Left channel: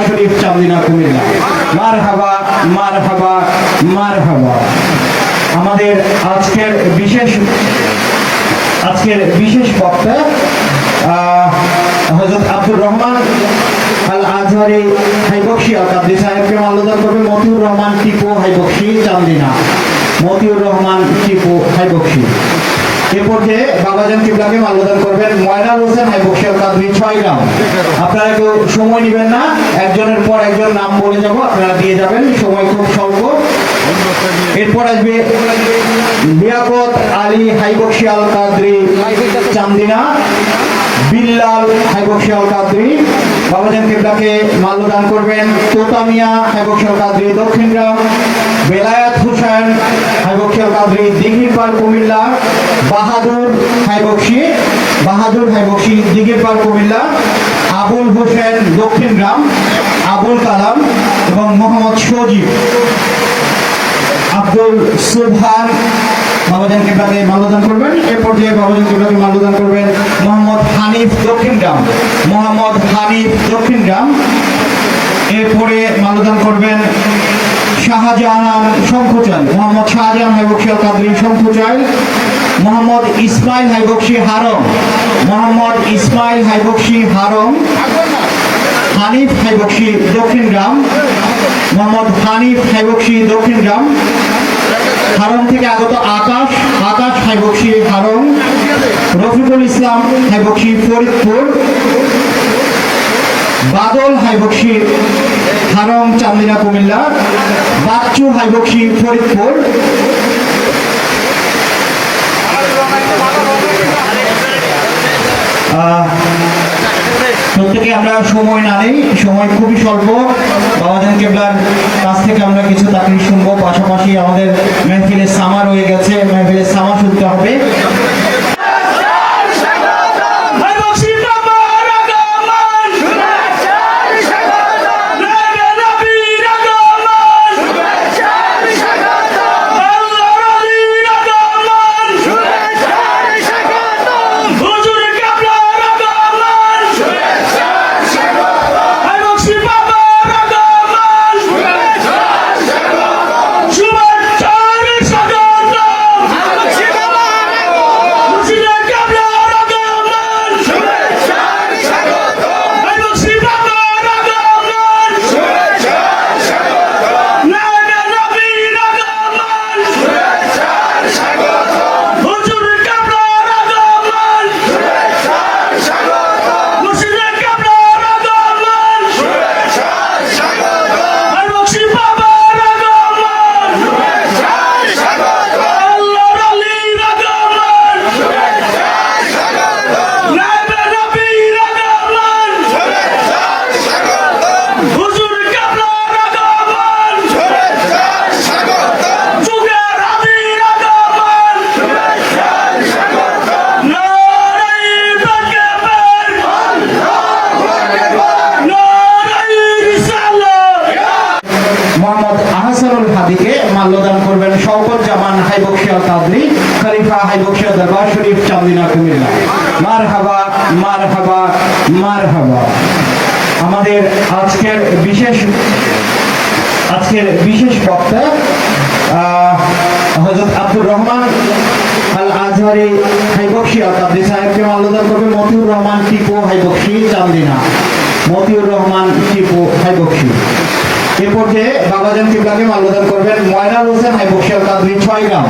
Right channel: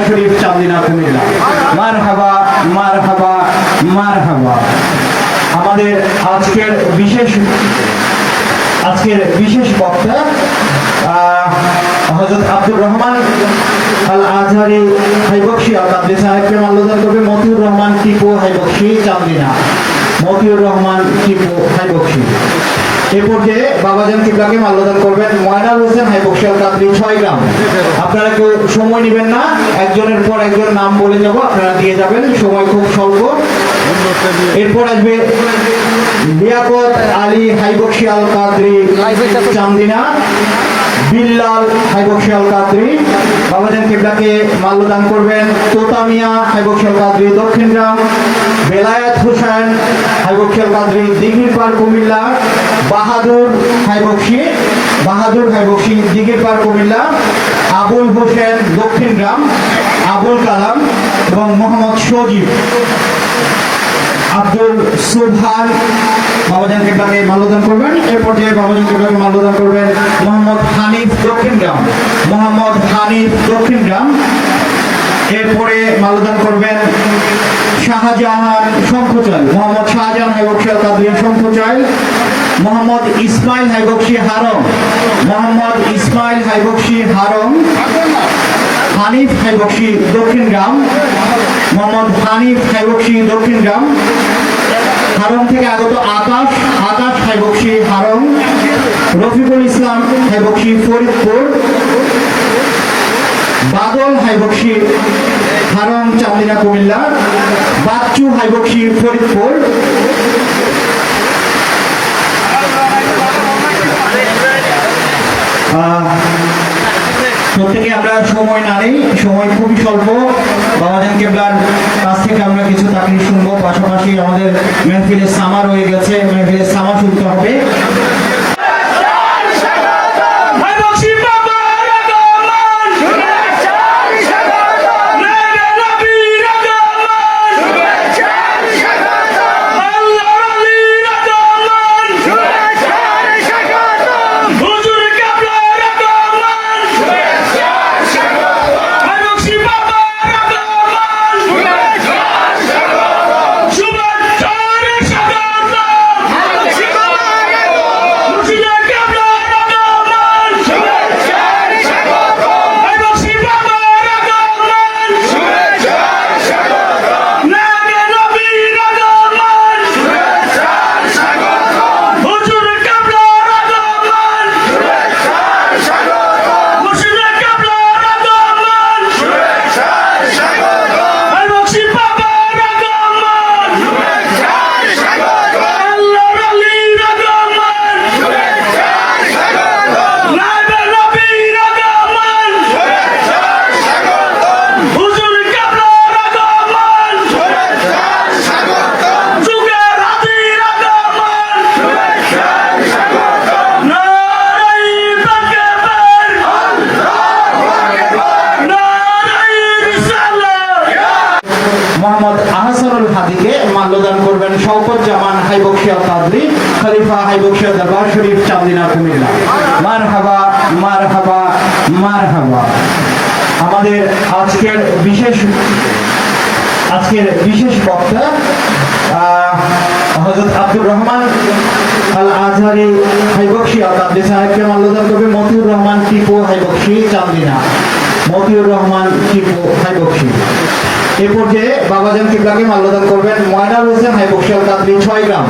দরবার শরীফ চান্দিনা কুমিল্লা। মারহাবা মারহাবা মারহাবা। আমাদের আজকের বিশেষ বক্তা হযরত আব্দুর রহমান আল আজহারি হাইবক্সি আল-কাদরি সাহেবকে মাল্যদান করবে মতিউর রহমান টিপু হাইবক্সি চান্দিনা। মতিউর রহমান টিপু হাইবক্সি। এ পর্যায়ে বাবাজান কিবলাকে মাল্যদান করবেন ময়নাল হোসেন হাইবক্সি আল-কাদরি 6 গ্রাম। আপনারা কেউ সময় নেবেন না, একজনের পর একজন নাম বলে যাব, আপনারা দিয়ে যাবেন, সময় খুব স্বল্প। এরপর আসবে লিয়াকত আলী হাইবক্সি আল-কাদরি চান্দিনা। বিল্লাল হাইবক্সি আল-কাদরি। বাবাজান কিবলাকে মাল্যদান করবেন তোতামিয়া হাইবক্সি আল-কাদরি দক্ষিণগ্রাম। বেলায়েত হোসেন হাইবক্সি আল-কাদরি দিঘিরপাড় কুমিল্লা। বাহাদুর হাইবক্সি দিঘিরপাড় কুমিল্লা। আবুল হোসেন দক্ষিণগ্রাম। আবুল কালাম এবং মোহাম্মদ সজীব। আব্দুল সুবহান বাবাজান কিবলাকে মাল্যদান করবেন। এর পর্যায়ে বাবাজান কিবলাকে মাল্যদান করবেন মোহাম্মদ হানিফ দক্ষিণগ্রাম। এরপরে মাল্যদান করবেন শাহজাহান শঙ্খচাল। মোহাম্মদ শাহজাহান হাইবক্সি আল-কাদরি শঙ্খচাল। মোহাম্মদ ইসমাইল হাইবক্সি হারম। হানিফ হাইবক্সি দক্ষিণগ্রাম। মোহাম্মদ হানিফ হাইবক্সি দক্ষিণগ্রাম। হারম থেকে আগত আকাশ হাইবক্সি হারম। রফিকুল ইসলাম হাইবক্সি ফরিদপুর। বাদল হাইবক্সি হারম চান্দিনা কুমিল্লা। বাচ্চু হাইবক্সি ফরিদপুর। প্রত্যেকে আমরা সময় না নেই, সময় খুবই স্বল্প। বাবাজান কিবলার কাছ থেকে আমরা কিছু তাকরীর শুনবো, পাশাপাশি আমাদের মেহফিলের সামা রয়ে গেছে, মেহফিলের সামা শুনতে হবে। মাল্যদান করবেন শওকত জামান হাইবক্সি আল-কাদরি খলিফা হাইবক্সি দরবার শরীফ চান্দিনা কুমিল্লা। মারহাবা মারহাবা মারহাবা। আমাদের আজকের বিশেষ বক্তা হযরত আব্দুর রহমান আল আজহারি হাইবক্সি আল-কাদরি সাহেবকে মাল্যদান করবে মতিউর রহমান টিপু হাইবক্সি চান্দিনা। মতিউর রহমান টিপু হাইবক্সি। এ পর্যায়ে বাবাজান কিবলাকে মাল্যদান করবেন ময়নাল হোসেন হাইবক্সি আল-কাদরি 6 গ্রাম।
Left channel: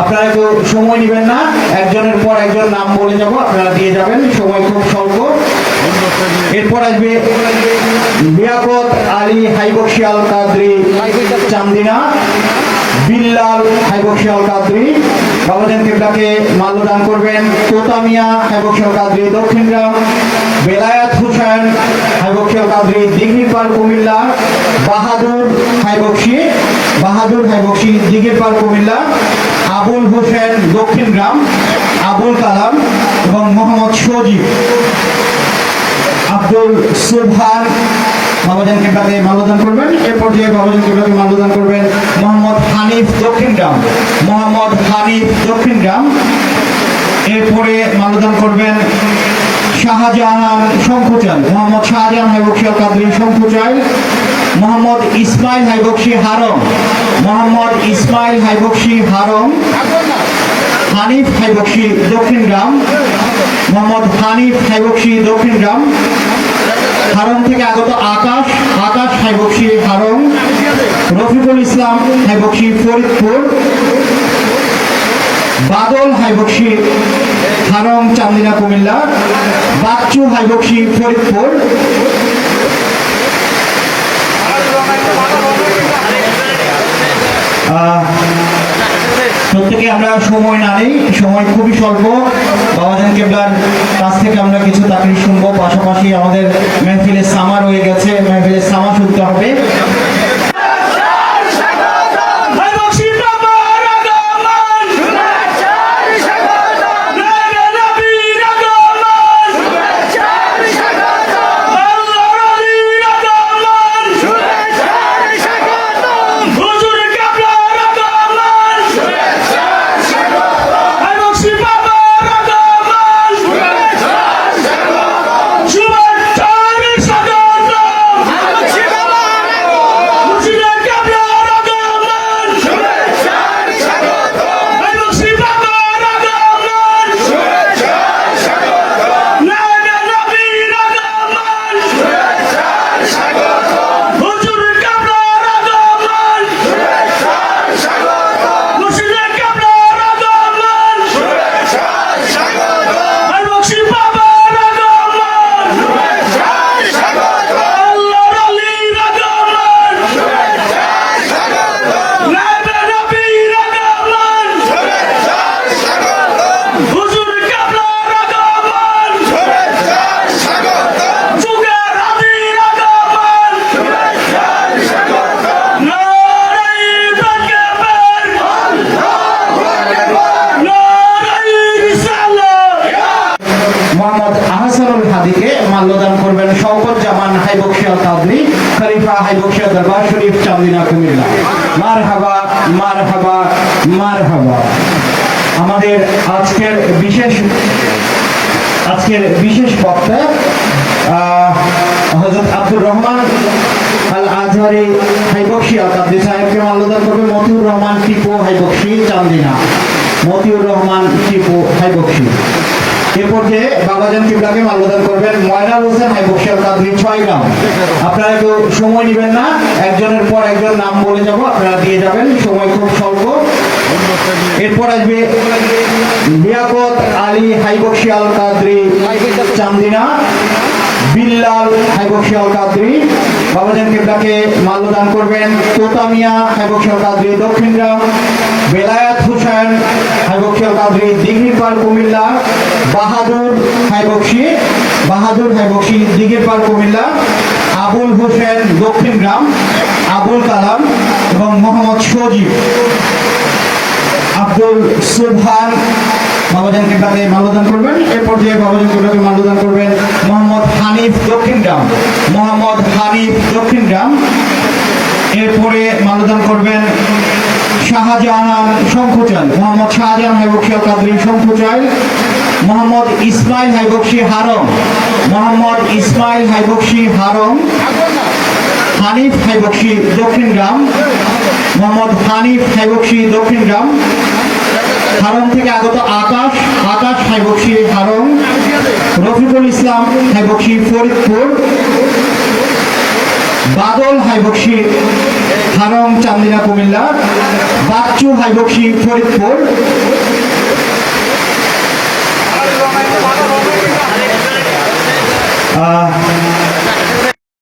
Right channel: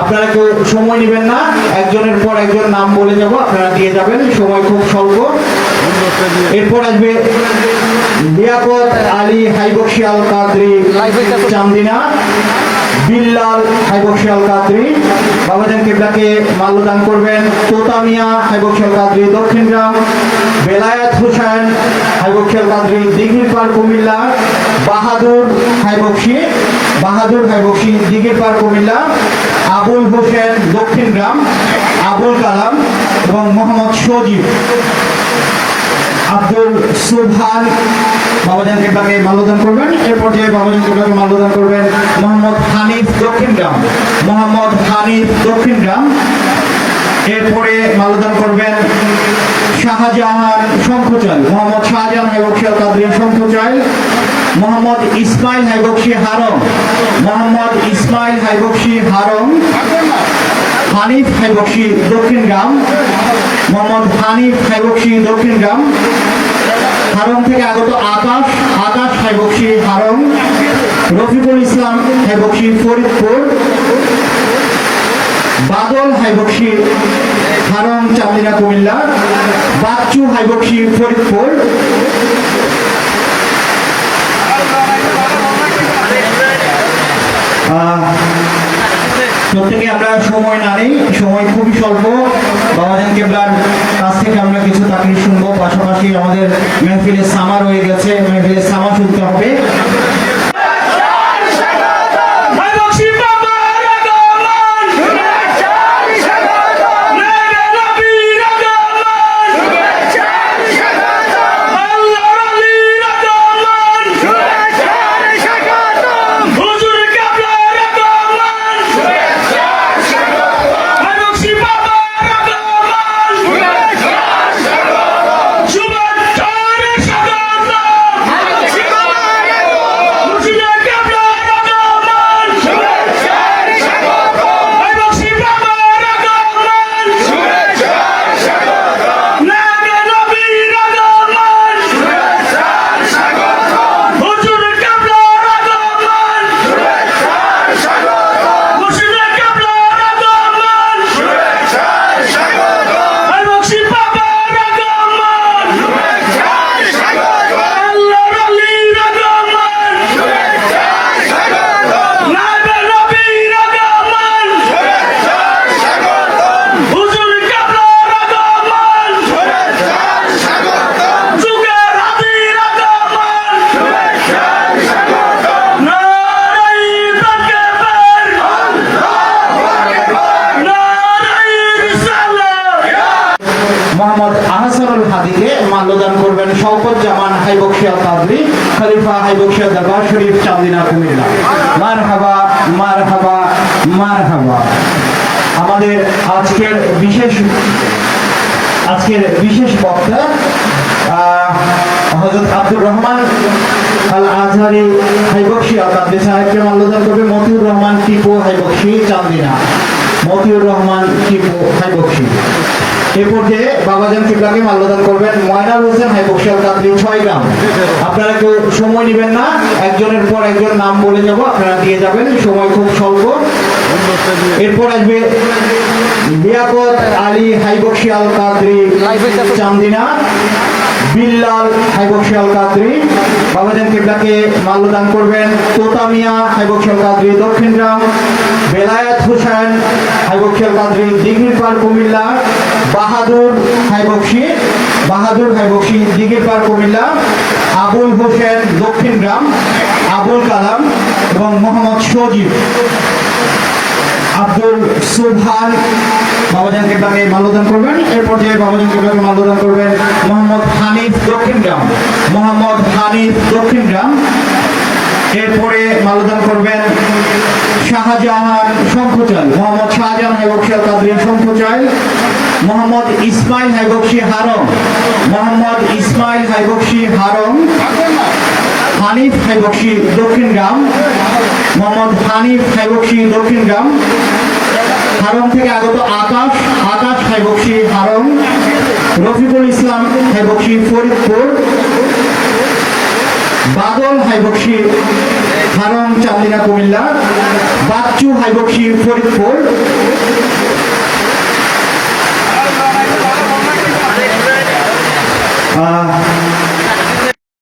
আপনারা কেউ সময় নেবেন না, একজনের পর একজন নাম বলে যাব, আপনারা দিয়ে যাবেন, সময় খুব স্বল্প। এরপর আসবে লিয়াকত আলী হাইবক্সি আল-কাদরি চান্দিনা। বিল্লাল হাইবক্সি আল-কাদরি। বাবাজান কিবলাকে মাল্যদান করবেন তোতামিয়া হাইবক্সি আল-কাদরি দক্ষিণগ্রাম। বেলায়েত হোসেন হাইবক্সি আল-কাদরি দিঘিরপাড় কুমিল্লা। বাহাদুর হাইবক্সি দিঘিরপাড় কুমিল্লা। আবুল হোসেন দক্ষিণগ্রাম। আবুল কালাম এবং মোহাম্মদ সজীব। আব্দুল সুবহান বাবাজান কিবলাকে মাল্যদান করবেন। এর পর্যায়ে বাবাজান কিবলাকে মাল্যদান করবেন মোহাম্মদ হানিফ দক্ষিণগ্রাম। এরপরে মাল্যদান করবেন শাহজাহান শঙ্খচাল, মোহাম্মদ শাহজাহান হাইবক্সি আল কাদরি শঙ্খচাল, মোহাম্মদ ইসমাইল হাইবক্সি হারম, মোহাম্মদ ইসমাইল হাইবক্সি হারম, হানিফ হাইবক্সি দক্ষিণগ্রাম, মোহাম্মদ হানিফ হাইবক্সি দক্ষিণগ্রাম, হারম থেকে আগত আকাশ, আকাশ হাইবক্সি হারম, রফিকুল ইসলাম হাইবক্সি ফরিদপুর, বাদল হাইবক্সি হারম চান্দিনা কুমিল্লা, বাচ্চু হাইবক্সি ফরিদপুর, প্রত্যেকে আমরা সময় না নেই, সময় খুবই স্বল্প। বাবাজান কেবলার কাছ থেকে আমরা কিছু তাকরির শুনবো, পাশাপাশি আমাদের মেহফিলের সামা রয়ে গেছে, মেহফিলের সামা শুনতে হবে। মাল্যদান করবেন শওকত জামান হাইবক্সি আল কাদরি, খলিফা হাইবক্সি দরবার শরীফ চান্দিনা কুমিল্লা। মারহাবা মারহাবা মারহাবা। আমাদের আজকের বিশেষ বক্তা হযরত আব্দুর রহমান আল আজহারি হাইবক্সি আল কাদরি সাহেবকে মাল্যদান করবে মতিউর রহমান টিপু হাইবক্সি চান্দিনা, মতিউর রহমান টিপু হাইবক্সি। এরপর যে বাবাজান কিবলাকে মাল্যদান করবেন ময়নাল হোসেন হাইবক্সি আল কাদরি 6 গ্রাম। আপনারা একটু সময় নেবেন না, একজনের পর একজন নাম বলে যাব, আপনারা দিয়ে যাবেন, সময় খুব স্বল্প। এরপর আসবে লিয়াকত আলী হাইবক্সি আল কাদরি চান্দিনা, বিল্লাল হাইবক্সি আল কাদরি। বাবাজান কিবলাকে মাল্যদান করবেন তোতামিয়া হাইবক্সি আল কাদরি দক্ষিণগ্রাম, বেলায়েত হোসেন হাইবক্সি আল কাদরি দিঘিরপাড় কুমিল্লা, বাহাদুর হাইবক্সি দিঘিরপাড় কুমিল্লা, আবুল হোসেন দক্ষিণগ্রাম, আবুল কালাম এবং মোহাম্মদ সজীব, আব্দুল সুবহান বাবাজান কিবলাকে মাল্যদান করবেন। এরপর যে বাবাজান কিবলাকে মাল্যদান করবেন মোহাম্মদ হানিফ দক্ষিণগ্রাম, মোহাম্মদ হানিফ দক্ষিণগ্রাম। এরপরে মাল্যদান করবেন শাহজাহান শঙ্খচাল, মোহাম্মদ শাহজাহান হাইবক্সি আল কাদরি শঙ্খচাল, মোহাম্মদ ইসমাইল হাইবক্সি হারম, মোহাম্মদ ইসমাইল হাইবক্সি হারম, হানিফ হাইবক্সি দক্ষিণগ্রাম, মোহাম্মদ হানিফ হাইবক্সি দক্ষিণগ্রাম, হারম থেকে আগত আকাশ, আকাশ হাইবক্সি হারম, রফিকুল ইসলাম হাইবক্সি ফরিদপুর, বাদল হাইবক্সি হারম চান্দিনা কুমিল্লা, বাচ্চু হাইবক্সি ফরিদপুর,